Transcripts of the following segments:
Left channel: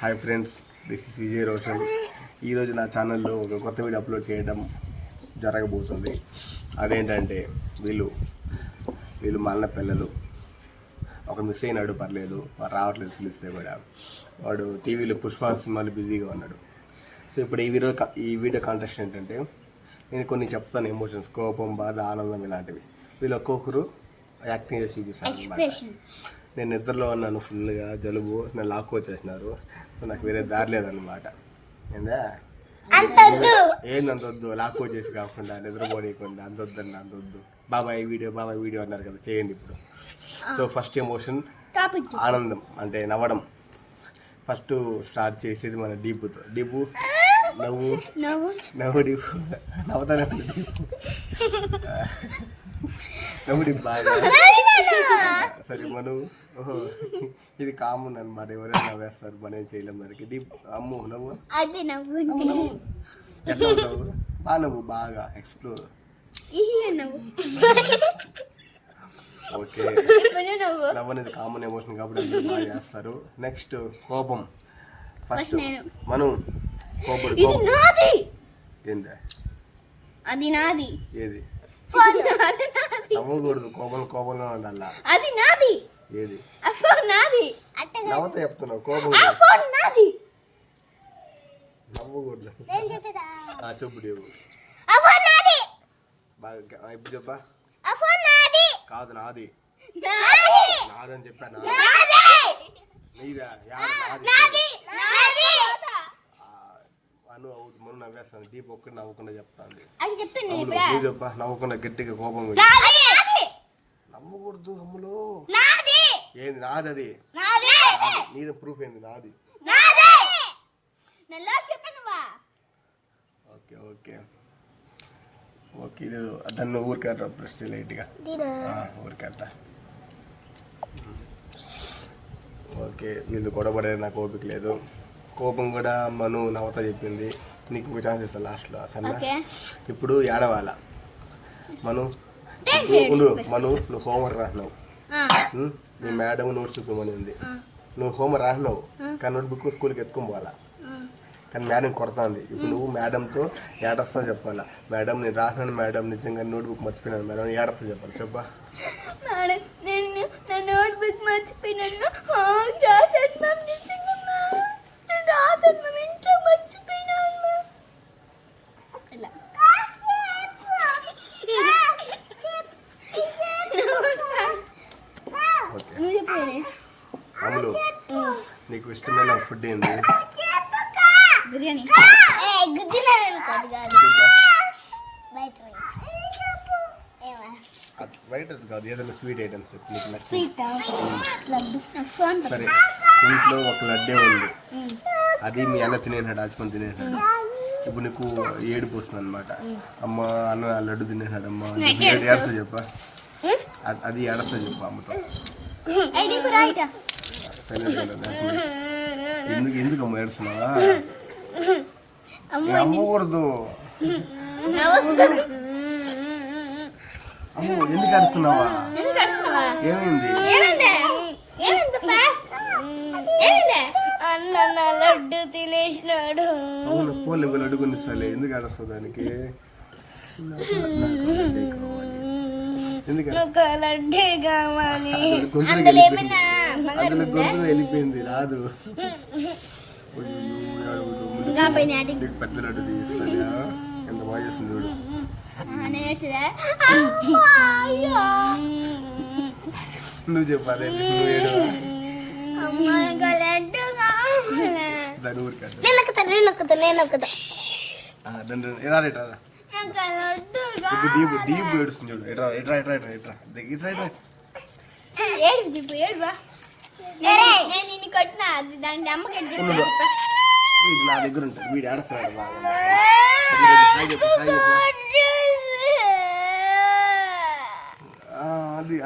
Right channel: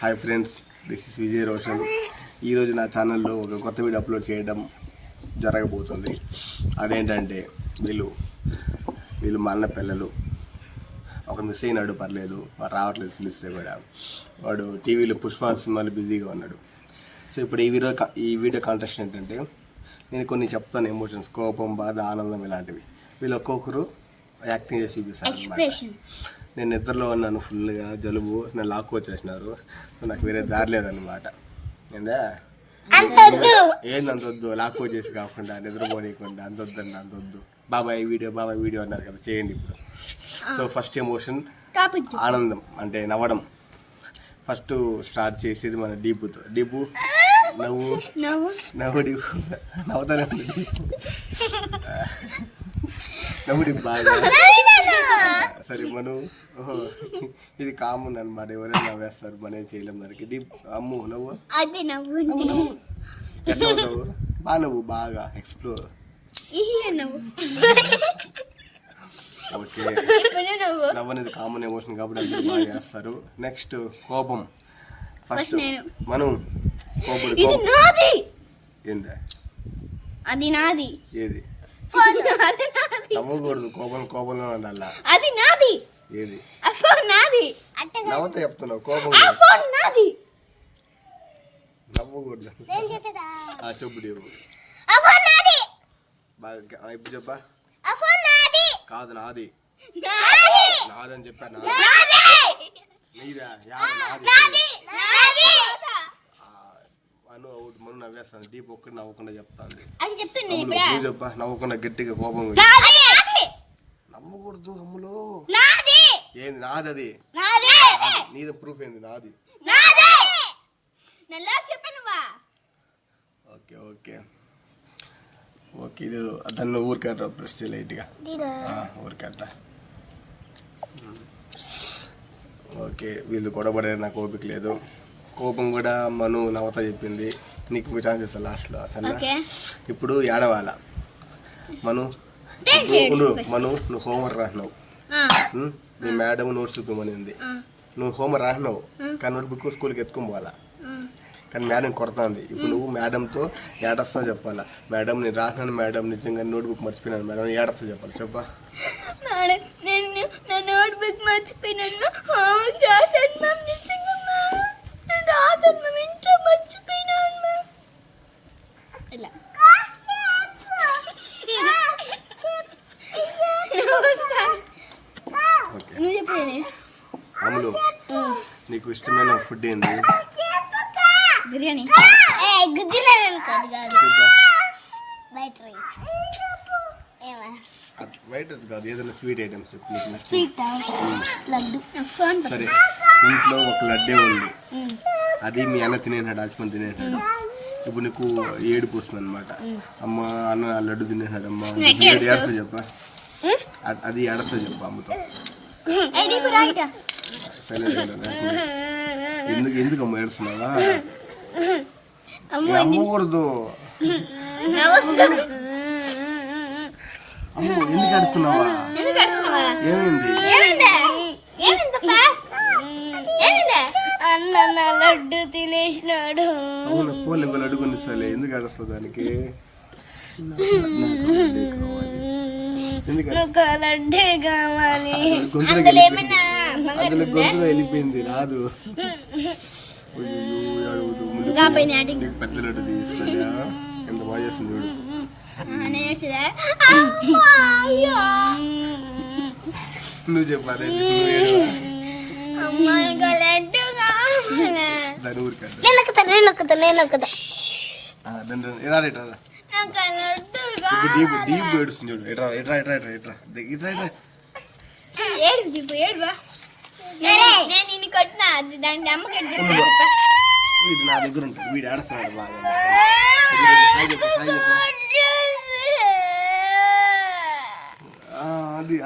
Hi friends, this is Vijay Roshan. ఈరోజు నా ఛానల్లో ఒక కొత్త వీడియో అప్లోడ్ చేయడం జరగబోతుంది. అదేంటంటే వీళ్ళు మా అన్న పిల్లలు ఒక మిస్ అయినాడు, పర్లేదు వాడు రావట్లేదు పిలిస్తే కూడా. వాడు టీవీలో పుష్ప సినిమాలు బిజీగా ఉన్నాడు. సో ఇప్పుడు ఈ వీడియో కాంటెస్ట్ ఏంటంటే నేను కొన్ని చెప్తాను, ఎమోషన్స్, కోపం, బాధ, ఆనందం ఇలాంటివి. వీళ్ళు ఒక్కొక్కరు యాక్టింగ్ చేసి చూపిస్తారు అన్నమాట. నేను నిద్రలో ఉన్నాను, ఫుల్గా జలుబు, నన్ను లాక్కొచ్చేసినారు. సో నాకు వేరే దారి లేదన్నమాట. ఏందా ఏంది అంతొద్దు, లాక్కొచ్చేసి కాకుండా నిద్రపోనీయకుండా అంతొద్దు. బాబాయ్ వీడియో అన్నారు కదా, చేయండి ఇప్పుడు. సో ఫస్ట్ ఎమోషన్ ఆనందం, అంటే నవ్వడం. ఫస్ట్ స్టార్ట్ చేసేది మన డీపుతో. డీపు నవ్వు డీపు నవ్వుతానే ఉంది. నవ్వు డీపు బాగా. సరే మనం ఇది కామన్ అనమాట, ఎవరైనా నవ్వేస్తారు, మనం ఏం చేయలేము దానికి. డీప్ అమ్ము నవ్వు ఎట్లా నవ్వు బాగా, నవ్వు బాగా ఎక్స్ప్లోర్. ఓకే, నవ్వనేది కామన్ ఎమోషన్ కాబట్టి అందరూ బాగా చేస్తారు. నెక్స్ట్ కోపం. ఫస్ట్ మనం ఏందా అది నాది, ఏది నవ్వకూడదు, కోపంలో ఉండాలా. అది నాది, ఏది నాది. నవ్వుతా చెప్తున్నావు, కోపం నాది, నవ్వకూడదు. చెప్పు డేవు బాగా ఇప్పుడు చెప్పా. కాదు నాది, నాదని చెప్పా. నీదా అను అవుట్. మనం నవ్వేస్తాను, డీప్ ఒక్కటి నవ్వకుండా చెప్తాను. నువ్వు చెప్పా, నవ్వకుండా గట్టిగా కోపం. నవ్వకూడదు అమ్ములో. ఏంది నాది? అది నీది ప్రూఫ్ ఏంది? నాది. ఓకే ఓకే ఓకే, ఇది దాన్ని ఊరికట్ట ప్రెస్ లైట్గా ఊరికట్ట. ఓకే, వీళ్ళు గొడవపడే నాకు ఓపిక లేదు. కోపం కూడా మను నవ్వుతా చెప్పింది. నీకు ఇంకో ఛాన్స్ ఇస్తా లాస్ట్లో. సరేనా? ఇప్పుడు ఏడవాల. మను నువ్వు హోంవర్క్ రాసినావు, నీ మేడం నోట్స్ చూపించమనింది. నువ్వు హోంవర్క్ రాసినావు కానీ నోట్ బుక్ స్కూల్కి ఎత్తుకుని పోవాలా. కానీ మేడం కొడుతుంది. ఇప్పుడు నువ్వు మేడంతో ఏడస్తా చెప్పాలా. మేడం నేను రాసినాను మేడం, నిజంగా నోట్ బుక్ మర్చిపోయినాను మేడం, ఏడస్తా చెప్పాలి. చెప్పా. Note book మర్చిపోయినాను. అమ్ములు, నీకు ఇష్టమైన ఫుడ్ ఏంది? బిర్యానీ. వైట్ రైస్ కాదు, ఏదైనా స్వీట్ ఐటమ్స్ నీకు నచ్చింది. సరే, ఇంట్లో ఒక లడ్డే ఉంది, అది మీ అన్న తినేసాడు, ఆచుకొని తినేసాడు. ఇప్పుడు నీకు ఏడుపు వస్తుంది అనమాట. అమ్మ అన్న లడ్డు తినేసాడు అమ్మ, ఏడుస్తా చెప్పా. అది ఏడస్తా చెప్పు అమ్మతో. ఎందుకు అమ్మ ఏడుస్తున్నావా? అమ్మకూడదు. అమ్మ ఎందుకు ఏడుస్తున్నావా? ఏమైంది? అన్న లడ్డు తినేసినాడు. అవును, పోలే ఇంకో లడ్డు కొనిస్తాలే. ఎందుకు ఏడుస్తావు దానికి? లడ్డే కావాలి. అందులో గొంతులో వెళ్ళిపోయింది, రాదు. పెద్ద లడ్డు తీస్తాడా? ఎంత బాగా చేస్తుంది చూడు. నువ్వు చెప్పాలి, నువ్వు ఏడువా. దాని ఊరికా ఇప్పుడు డీప్ ఏడుస్తుంది చూడు. ఎట్రా వీడు నా దగ్గర ఉంటాడు, వీడు ఏడుస్తున్నాడు బాగా. అది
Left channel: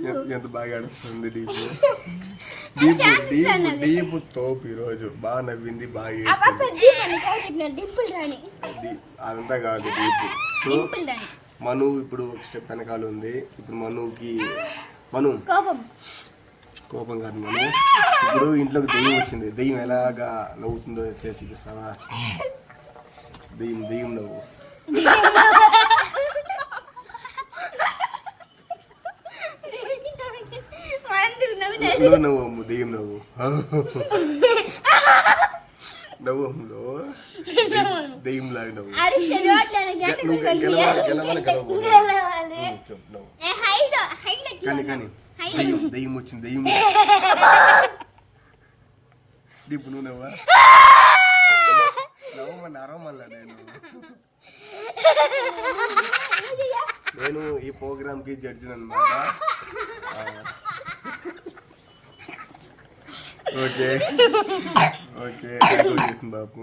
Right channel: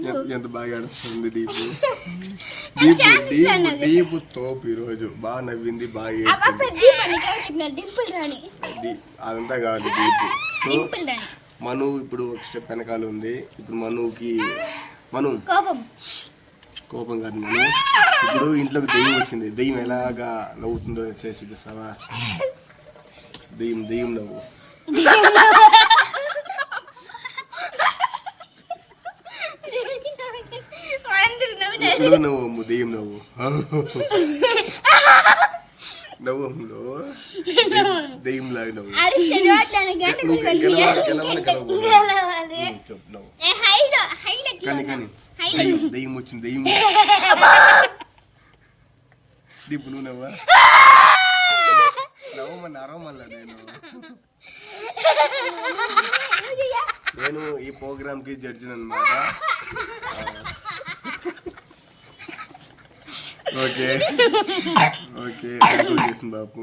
ఎందుకు ఎంత బాగా ఏడుస్తుంది డీపు. డీపు తోపు ఈరోజు బాగా నవ్వింది, బాగా అదంతా కాదు deep. So simple dance. Manu ఇప్పుడు ఒక స్టెప్ వెనకాల ఉంది. ఇప్పుడు మను కోపం కాదు మను. ఇప్పుడు ఇంట్లోకి దెయ్యం వచ్చింది. దెయ్యం ఎలాగా నవ్వుతుందో చేసి చూస్తావా? దెయ్యం నవ్వు. నువ్వు నవ్వు దెయ్యం నవ్వు. నవ్వులో దెయ్యం లాగా నవ్వు. నువ్వు గెలవాలి చెప్పు నవ్వు. కానీ దెయ్యం వచ్చింది. దెయ్యం ఇప్పుడు నువ్వు నవ్వా? నవ్వమని అరవమల్లా నేను ఈ ప్రోగ్రామ్కి జడ్జిని అన్నమాట. ఓకే చేసింది బాబు.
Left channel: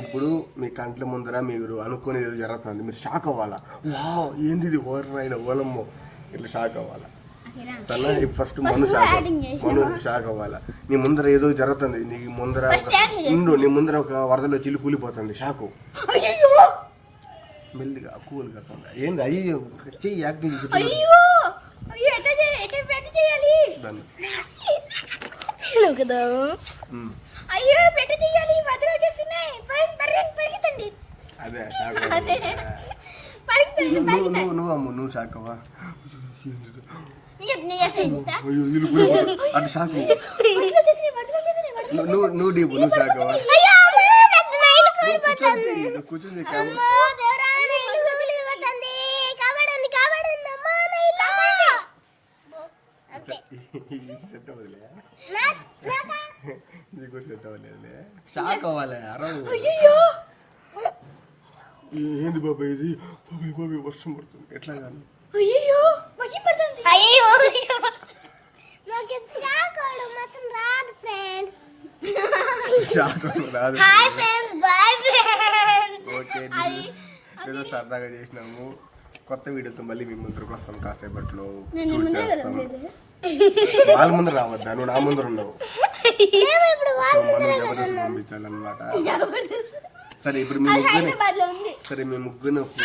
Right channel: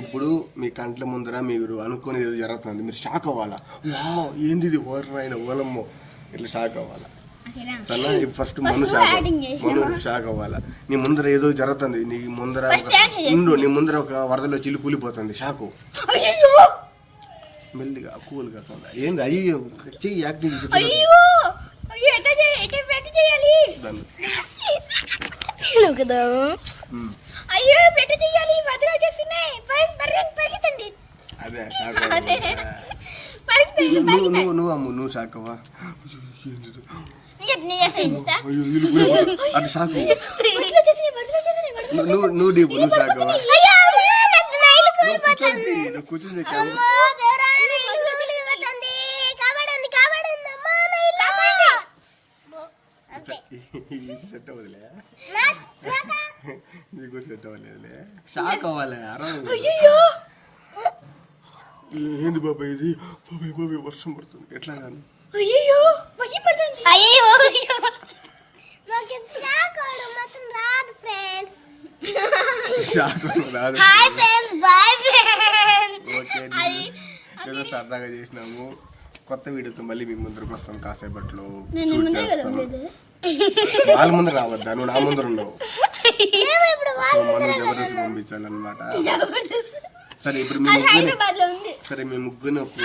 ఇప్పుడు మీ కంట్ల ముందర మీరు అనుకునేది ఏదో జరుగుతుంది. మీరు షాక్ అవ్వాలా. వా ఏంది ఇది ఓరమైన ఓలమ్మో ఇట్లా షాక్ అవ్వాలా. సన్నా ఫస్ట్ మను షాక్ అవ్వాలా. నీ ముందర ఏదో జరుగుతుంది. నీ ముందర ఒక వరదలో చిల్లు కూలిపోతుంది. షాకు మెల్లిగా కూల్గా ఏంది అయ్యో చెయ్యి యాక్టింగ్ చేసి అదే షాక్ నువ్వు షాక్ అవ్వా. అటు షాకు నువ్వు డీపు నువ్వు షాక్ అవ్వా. కూర్చొని సెట్ అవ్వదులే. నీకు సెట్ అవ్వలేదులే. షాక్ అవ్వాలి. ఏంది బాబాయ్ ఇది? బాబాయ్ వర్షం పడుతుంది. ఎట్లా గాను ఓకే ఏదో సరదాగా చేసినాము. కొత్త వీడియోతో మళ్ళీ మీ ముందరకు వస్తాం. కాసేపట్లో షూట్ చేస్తాము. వాళ్ళ ముందు రావద్దా, నువ్వు నా ముందర ఉండవు. సో మనం జబర్దస్త్ పంపించాలన్నమాట. సరే ఇప్పుడు మీ ముగ్గురిని ఒక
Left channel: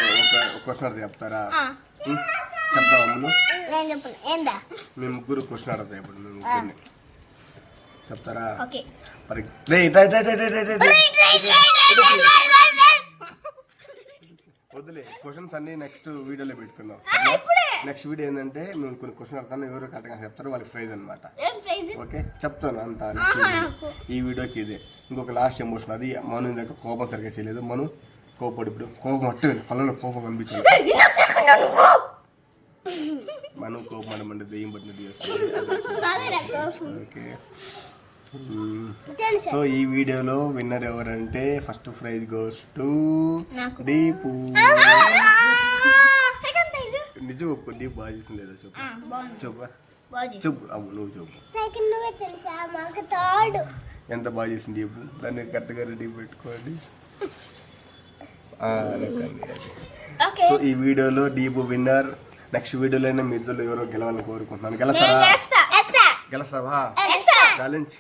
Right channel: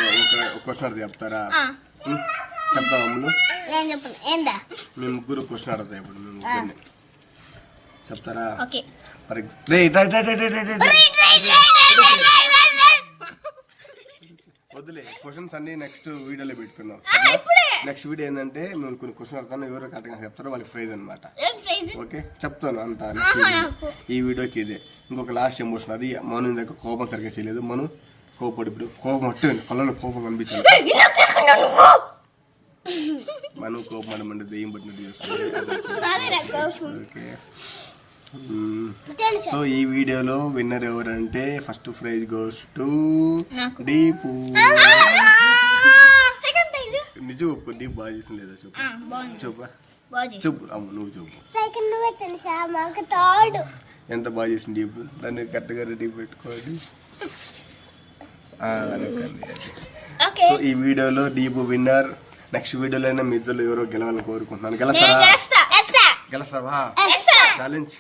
క్వశ్చన్ చెప్తారా? చెప్తావా అమ్ములు? మీ ముగ్గురు క్వశ్చన్ అడుగుతా. ఇప్పుడు మీ ముగ్గురిని చెప్తారా? వద్దులే క్వశ్చన్స్ అన్ని నెక్స్ట్ వీడియోలో పెట్టుకుందాం. నెక్స్ట్ వీడియో ఏంటంటే మేము కొన్ని క్వశ్చన్ అడతాను. ఎవరు కరెక్ట్గా చెప్తారో వాళ్ళకి ప్రైజ్ అనమాట. ఓకే చెప్తాను అంతా. నెక్స్ట్ ఈ వీడియోకి ఇదే. ఇంకొక లాస్ట్ ఎమోషన్ అది మను దగ్గర కోపం సరిగ్గా చేయలేదు. మను కోపడు. ఇప్పుడు కోపం అట్టు కళ్ళలో కోపం కనిపించాలి. మను కోపం అడమంటే దెయ్యం పట్టినట్టు చేస్తుంది. ఓకే సో ఈ వీడియోలో విన్నర్ ఎవరంటే first prize goes to deep. నిజం ఒప్పు. డీప్ బాగా చేసింది లేదా చెప్పు. అమ్ము నువ్వు చెప్పు. ఎంత బాగా చేసింది డీపు. దాన్ని కరెక్ట్గా రెడీ పెట్టుకోండి. సో ఈ వీడియోలో డీపు విన్నర్. నెక్స్ట్ వీడియోలో మీ ఇద్దరు ఎవరో గెలవాలని కోరుకుంటున్నాను. గెలుస్తావా? ఛాలెంజ్.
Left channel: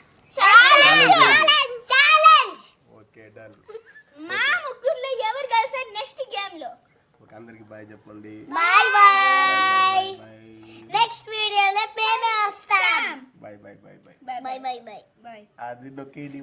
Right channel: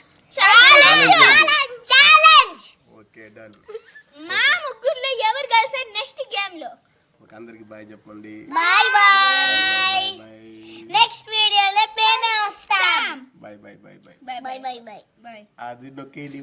Okay done. మా ముగ్గురులో ఎవరు గెలిచారు నెక్స్ట్ గేమ్ లో? ఓకే అందరికి బాయ్ చెప్పండి. Bye bye. నెక్స్ట్ వీడియోలో మేమే వస్తాం. Bye bye bye bye bye bye bye bye. అది నొక్కేది